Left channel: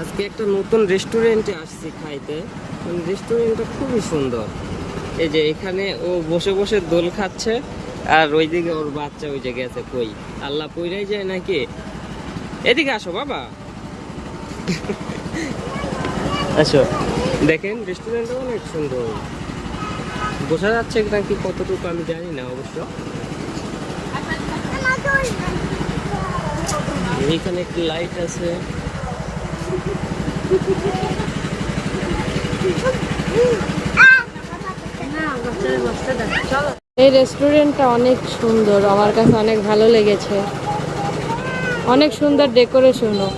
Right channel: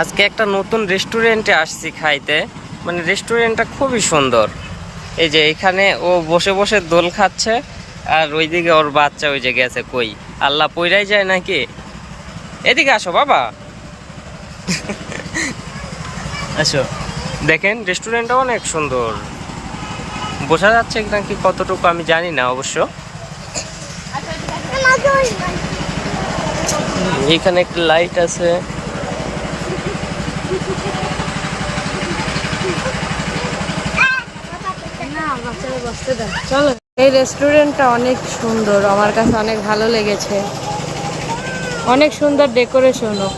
আজকে একটা নতুন রেস্টুরেন্টে আসছি খাইতে, মানে রেস্টুরেন্টটা খুবই সুন্দর। এই যে এখানে ও বসে বসে দোল খাচ্ছে, আর ওইদিকে ওর বাচ্চা ওই যে গেছে কই, আল্লাহ পইরাই যায় নাকি। এদিকে আসো বাবা, আসো। দেখেন রেস্টুরেন্টটা অনেক সুন্দর, বোঝা যাচ্ছে নাকি কতটুকু আমি জানি না অবশ্য। এখানে একটা লাইট আছে। এই রেস্টুরেন্টটা অনেক সুন্দর, আমার কাছে অনেক ভালো লেগেছে। অনেক সুন্দর ডেকোরেশনও,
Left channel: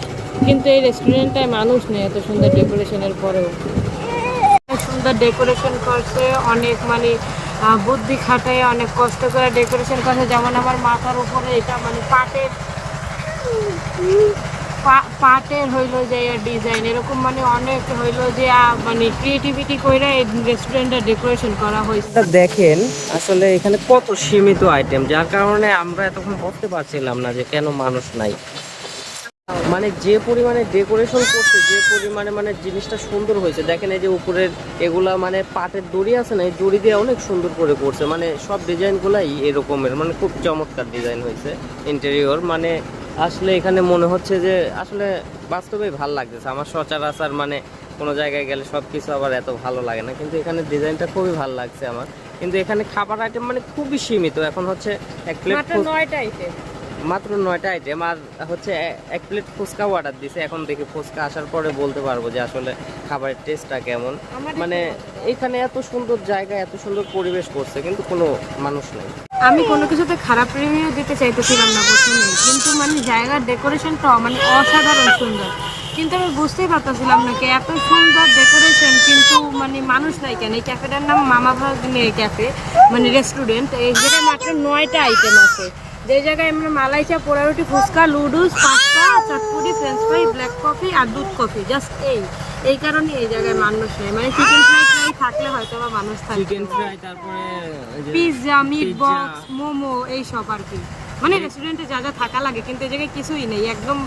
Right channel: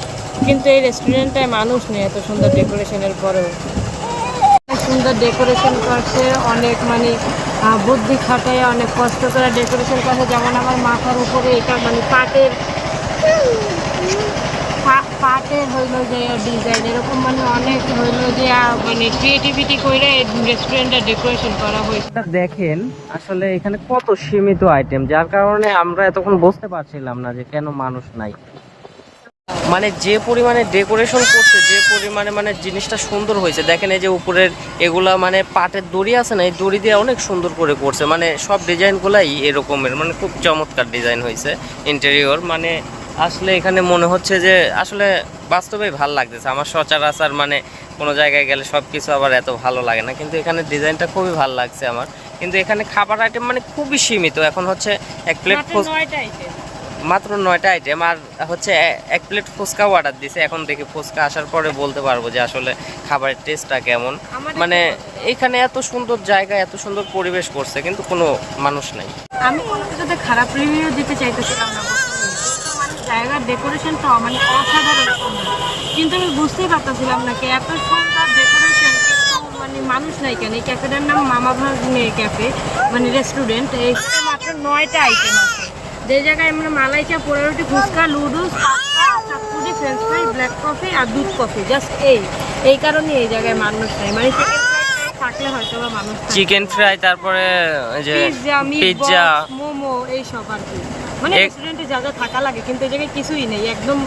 কিন্তু এই রেস্টুরেন্টটায় মানুষ নেই এত সুন্দর ডেকোরেশনের পরেও। অনেক সুন্দর ডেকোরেশন করছে, অনেক মানে বুদ্ধি খাটায় অনেক কষ্ট করে ডেকোরেশন করছে। যেমন আমার মাথার উপরে এটা মানে পাটের হইলো যে ডিজাইন, এরকম মানে অনেক হইলো যে মানে ক্রিয়েটিভিটি করে রেস্টুরেন্টের ডেকোরেশন করা হয়েছে। দেখেন আসলে এখানে কত সীমিত আইটেম, যার কারণে আমরা এতক্ষণ বুঝতে পারছিলাম না যে কেন মানুষ নাই। মানে যে পরিমাণে ডেকোরেশন করছে, যে পরিমাণে মানে জিনিসটা সুন্দর হয়েছে। দেখেন এই যে উপরের এগুলা মানে পাটের দড়ি আছে না, এই দড়ি দিয়ে অনেক সুন্দর করে করছে। মানে সব ডিজাইনগুলাই এরকমের, মানে খুব চমৎকার ডিজাইন হয়েছে ইন্টেরিয়র। মানে আসলে এখানে মনে হচ্ছে যে আসলে বাস্তবেই ভালো লাগতেছে। আমার সচরাচর মানে কোনো জায়গায় গেলে সব কিছু আবার এত ভালো লাগে না, কিন্তু এখানে ডিজাইনটা খুবই ভালো লাগছে আমার। কিন্তু এখানে খাবার আইটেম মানে খুবই সীমিত। এখন হচ্ছে এক প্লেট মাত্র 9টা আইটেম, আর হচ্ছে এক প্লেট ফুচকা অর্ডার দিছে। এখন দেখি ফুচকা আসার পরে বলতে পারবো যে আসলে খাবারের টেস্টটা কেমন। মানে এখানে এত সুন্দর জায়গা, এত সুন্দর পরিবেশ করছে, কিন্তু কোনো মানুষ নাই। আমি কোনো কিছুতে খারাপ রিভিউ দিতে চাইতেছিলাম না প্রথমেই, কিন্তু মানে জায়গার ডেকোরেশনটা মানে অসাধারণ সুন্দর। কিন্তু আমি বুঝতেই পারতেছিলাম না কি এত সুন্দর ডেকোরেশন কিন্তু মানে মানুষ নাই কেন। এই ক্যাফেটার নাম মামা ভাগ্নের ক্যাফে, মানে রেস্টুরেন্ট। এই জায়গায় মাত্র 9টা আইটেম আছে, যে জায়গায় আমরা মালাই চা, পোড়া রুটি, ফুচকা, লুডুস, পাস্তা, চটপটি, ফ্রেঞ্চ ফ্রাই, ব্ল্যাক কফি আর দুধ কফি, জাস্ট এই কারণে এই জায়গায় মানুষ নাই। মানে চিকেন ফ্রাই থাকলে হয়তো বা মানুষ থাকবে, চিকেন ফ্রাই, তারপরে যে পিৎজা, মোমো, এই সব আর কি। মানে রেস্টুরেন্টে যা যা থাকা লাগে, কিন্তু এই জায়গায় কিছুই নেই। একদম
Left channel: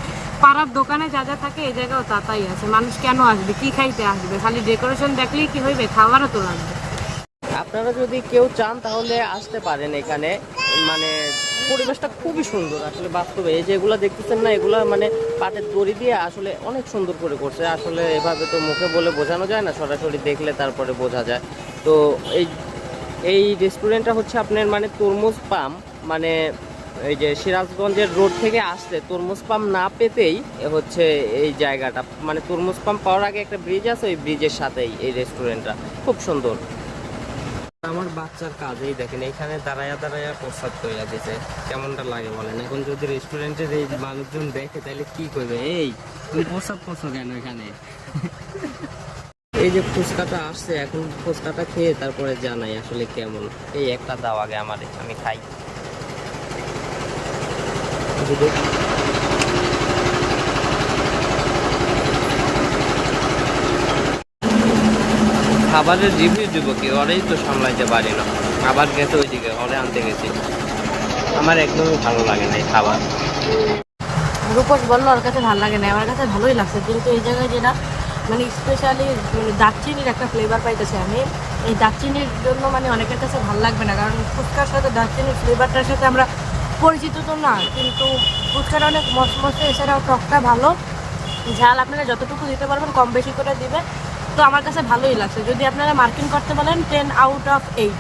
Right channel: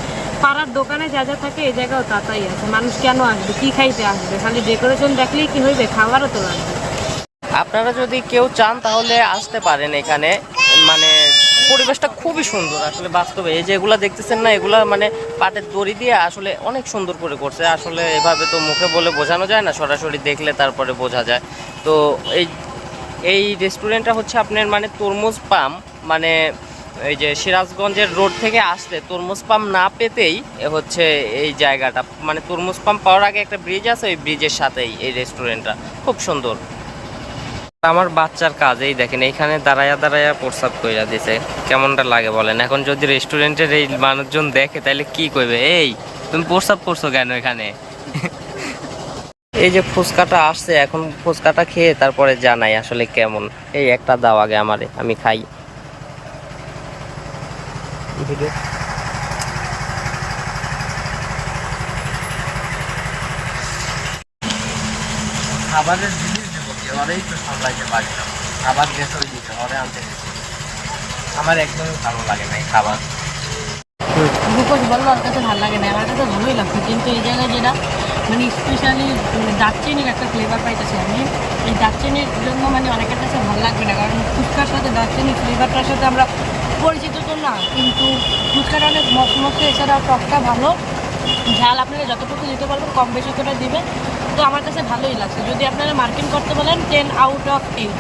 পাড়ার দোকানে যা যা থাকে এই জায়গাও তাই আছে। মানুষ কেন আসবে, কি খাইতে আসবে? খালি ডেকোরেশন দেখলেই কি হইবে? খাওয়ারও তো লাগবে। আপনারা যদি কেউ চান তাহলে আসতে পারেন এখানে। মানে পরিবেশটা খুবই সুন্দর আসলে বাস্তবে। এই যে এগুলা দেখতেছেন না, এগুলা মানে পাটের দড়ি দিয়ে আসলে অনেক সুন্দর করে করছে। আসলে এভাবে তো মুখে বলে বোঝানো যায় না, সরাসরি দেখলে তারপরে বোঝা যায়। তো এই এই রেস্টুরেন্টটা হচ্ছে আপনার মানে তরমুজ পাম, মানে এই যে সিরাজগঞ্জের রোড থেকে আসলে তরমুজ পাম না পেতেই হচ্ছে এই জায়গাটা। মানে তরমুজ পাম পাওয়ার আগে একটা ব্রিজ আছে, ওই ব্রিজের সাথেই এই রেস্টুরেন্টটা। খুব সুন্দর। আমার বাচ্চার কাজ এই দেখেন, এইখানে দাঁড়ায়া দাঁড়ায়া প্রস্রাব কইরা দিছে। কেমনটা লাগে বলেন? এখন যদি রেস্টুরেন্টের এই মানুষজন দেখে তাহলে কি কইবে, এই তুমি প্রস্রাব করছো কেন এখানে? এই যে ফুচকাটা আসছে, এখন ফুচকাটা খেয়ে তারপরে জানাই আসলে কেমন। এই একটা দাও আগে আমারে, আমি খাই। খাবারের রিভিউ দিব কি, ওরেই তো সামলাইতে পারি না। আবার গেছে ওইদিকে, ওরে আনতে গেছি। আমার একদমই ভালো লাগে না এই খাবার। রূপস বললো ওর কাছে ভালো লাগে না, আমার কাছে ভালোই লাগছে। কিন্তু এই জায়গায় যেটা মানে স্পেশালি মানে দারচিনির একটা ফ্লেভার পাইতেছি আমি। এই দারচিনির জন্য মানে অনেকের কাছে ভালো লাগবে না, কারণ ফুচকার সাথে দারচিনির ফ্লেভারটার সাথে আমরা পরিচিত তো না। কিন্তু ফুচকাটা অনেক মশমশে, এছাড়াও টকটা ভালো। ঝাল আপনারা যতটুকু দিতে পারবেন কম বেশি করে দিবে। তো আমার কাছে ভালোই লাগছে। যদি আপনারা মার্কিং করতে বলেন 10 আউট অফ 8।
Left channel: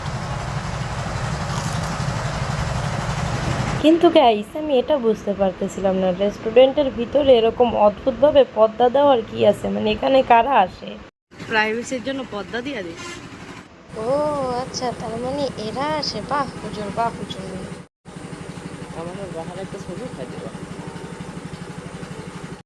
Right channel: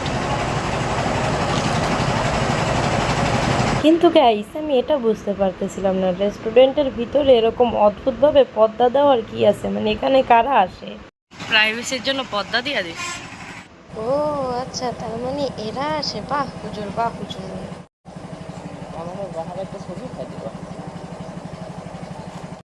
কিন্তু গাইস আমি এটা বুঝতে পারতেছিলাম না, রেস্টুরেন্টের ভিতরে এরকম অদ্ভুতভাবে পর্দা দেওয়ার কি আছে? মানে এখানে কারা আসে? প্রাইভেসির জন্য পর্দা দিয়ে দিস। ও আচ্ছা, তার মানে এরা আসে। বাহ হুজুর, বাহ হুজুর। আমাদের বাহার একটা ছবি খাই দিবা।